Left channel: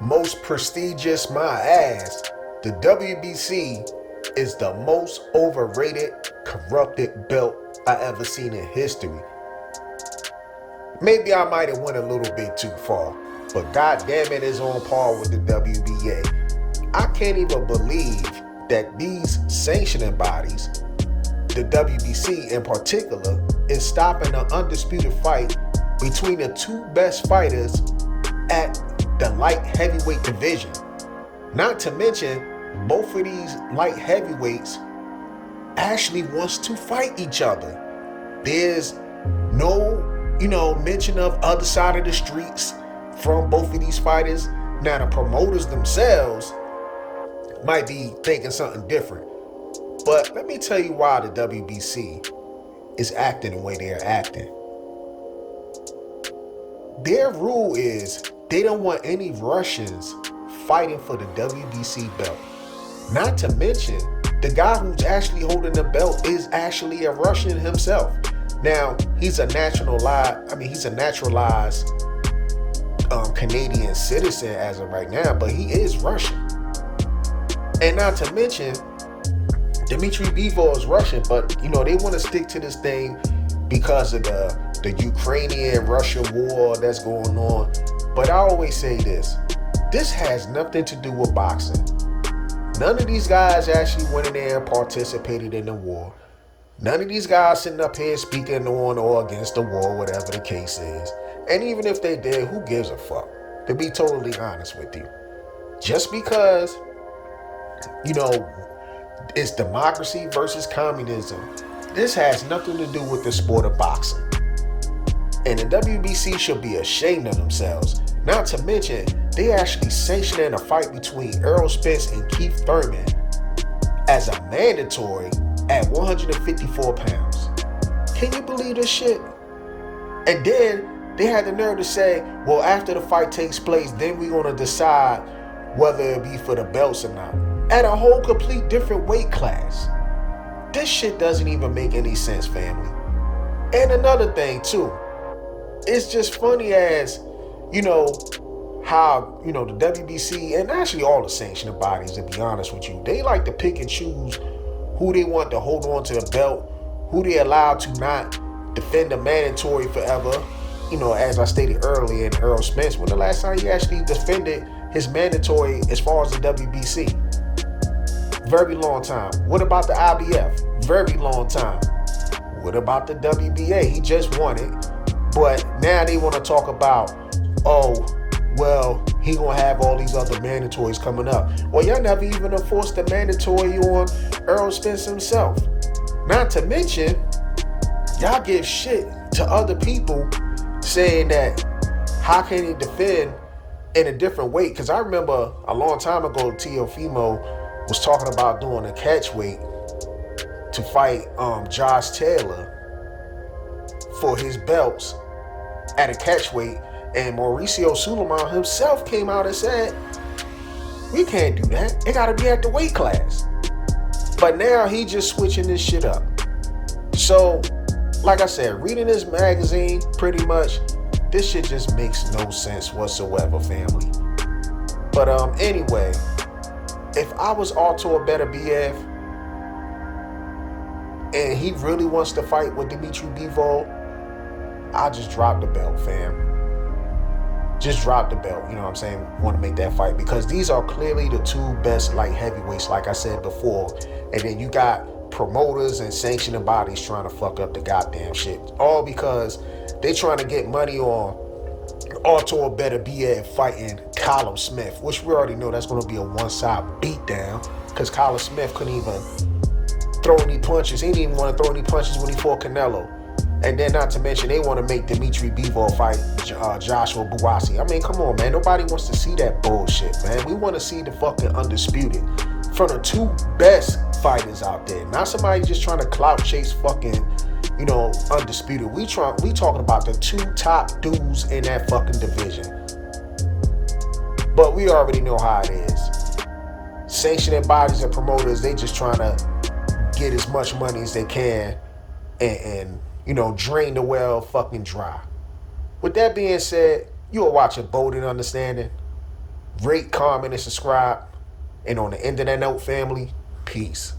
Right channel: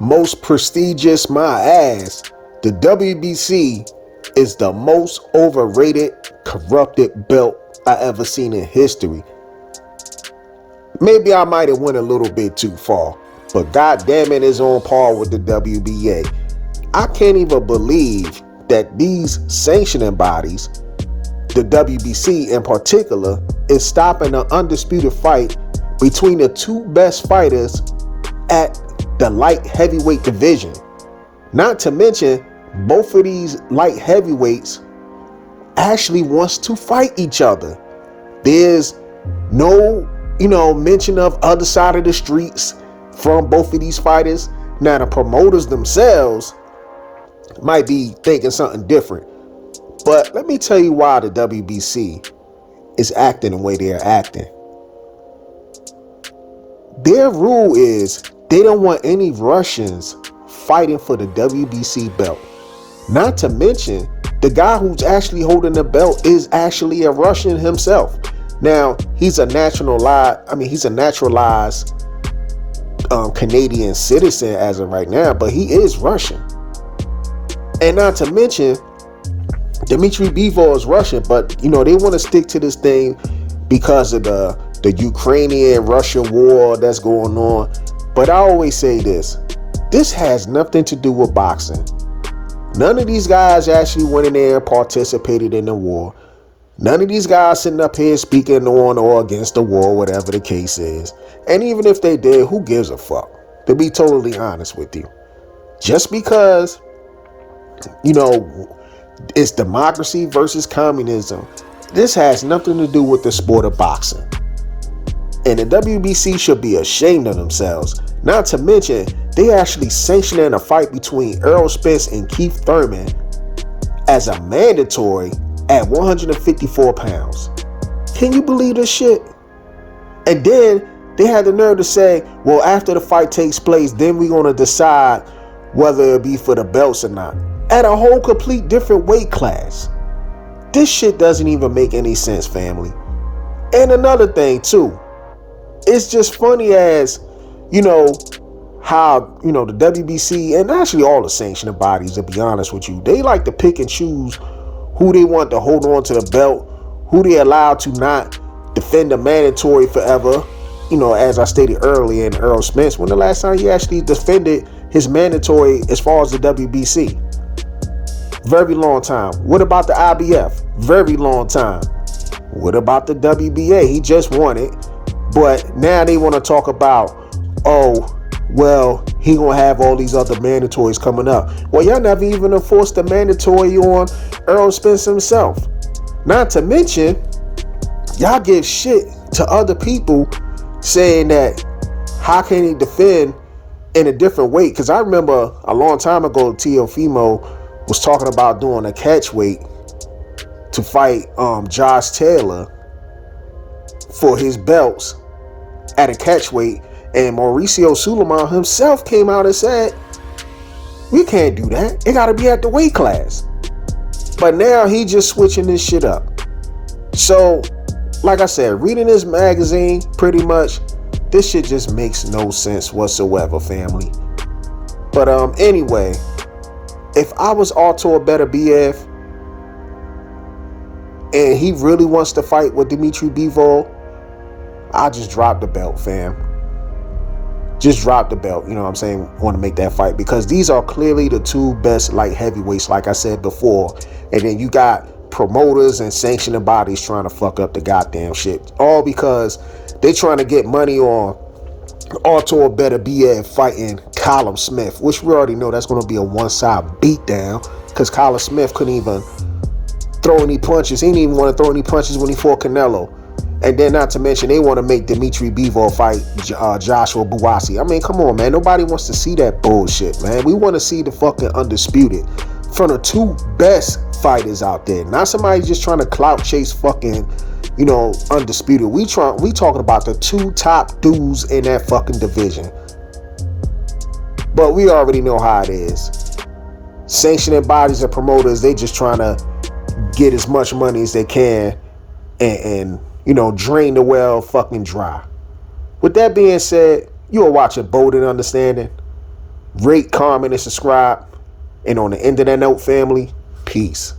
most prestigious my ass, the WBC is the most overrated, corrupted belt I ever seen in history. Maybe I might have went a little bit too far, but goddamn it, is on par with the WBA. I can't even believe that these sanctioning bodies, the WBC in particular, is stopping an undisputed fight between the two best fighters at the light heavyweight division. Not to mention, both of these light heavyweights actually wants to fight each other. There's no, mention of other side of the streets from both of these fighters. Now the promoters themselves might be thinking something different. But let me tell you why the WBC is acting the way they're acting. Their rule is they don't want any Russians fighting for the WBC belt. Not to mention, the guy who's actually holding the belt is actually a Russian himself. Now, he's a naturalized Canadian citizen as of right now, but he is Russian. And not to mention, Dmitry Bivol is Russian, but they want to stick to this thing because of the Ukrainian-Russian war that's going on. But I always say this has nothing to do with boxing. None of these guys actually went in there and participated in the war. None of these guys sitting up here speaking on or against the war, whatever the case is. And even if they did, who gives a fuck? To be totally honest with you. Just because, it's democracy versus communism, this has nothing to do with the sport of boxing. And the WBC should be ashamed of themselves. Not to mention, they actually sanctioning a fight between Errol Spence and Keith Thurman as a mandatory at 154 pounds. Can you believe this shit? And then they had the nerve to say, well, after the fight takes place, then we're going to decide whether it'll be for the belts or not. At a whole complete different weight class. This shit doesn't even make any sense, family. And another thing too, it's just funny as, how, the WBC and actually all the sanctioning bodies, to be honest with you, they like to pick and choose who they want to hold on to the belt, who they allow to not defend the mandatory forever. As I stated earlier in Errol Spence, when the last time he actually defended his mandatory as far as the WBC? Very long time. What about the IBF? Very long time. What about the WBA? He just won it. But now they want to talk about, he gonna have all these other mandatories coming up. Well, y'all never even enforced the mandatory on Errol Spence himself. Not to mention, y'all give shit to other people saying that how can he defend in a different weight? Because I remember a long time ago, Teofimo was talking about doing a catch weight to fight Josh Taylor for his belts at a catch weight, and Mauricio Sulaiman himself came out and said, we can't do that. It got to be at the weight class. But now he just switching this shit up. So, like I said, reading this magazine, pretty much, this shit just makes no sense whatsoever, family. But anyway, if I was Artur Beterbiev and he really wants to fight with Dmitry Bivol, I just drop the belt, fam. Just drop the belt, you know what I'm saying? Want to make that fight, because these are clearly the two best light heavyweights, like I said before. And then you got promoters and sanctioning bodies trying to fuck up the goddamn shit, all because they trying to get money on Artur Beterbiev fighting Callum Smith, which we already know that's going to be a one-side beatdown, because Callum Smith couldn't even throw any punches. He didn't even want to throw any punches when he fought Canelo. And then not to mention, they want to make Dmitry Bivol fight Joshua Buatsi. I mean, come on, man. Nobody wants to see that bullshit, man. We want to see the fucking undisputed from the two best fighters out there. Not somebody just trying to clout chase fucking, undisputed. We talking about the two top dudes in that fucking division. But we already know how it is. Sanctioning bodies and promoters, they just trying to get as much money as they can and drain the well fucking dry. With that being said, you are watching Bold and Understanding. Rate, comment, and subscribe. And on the end of that note, family, peace.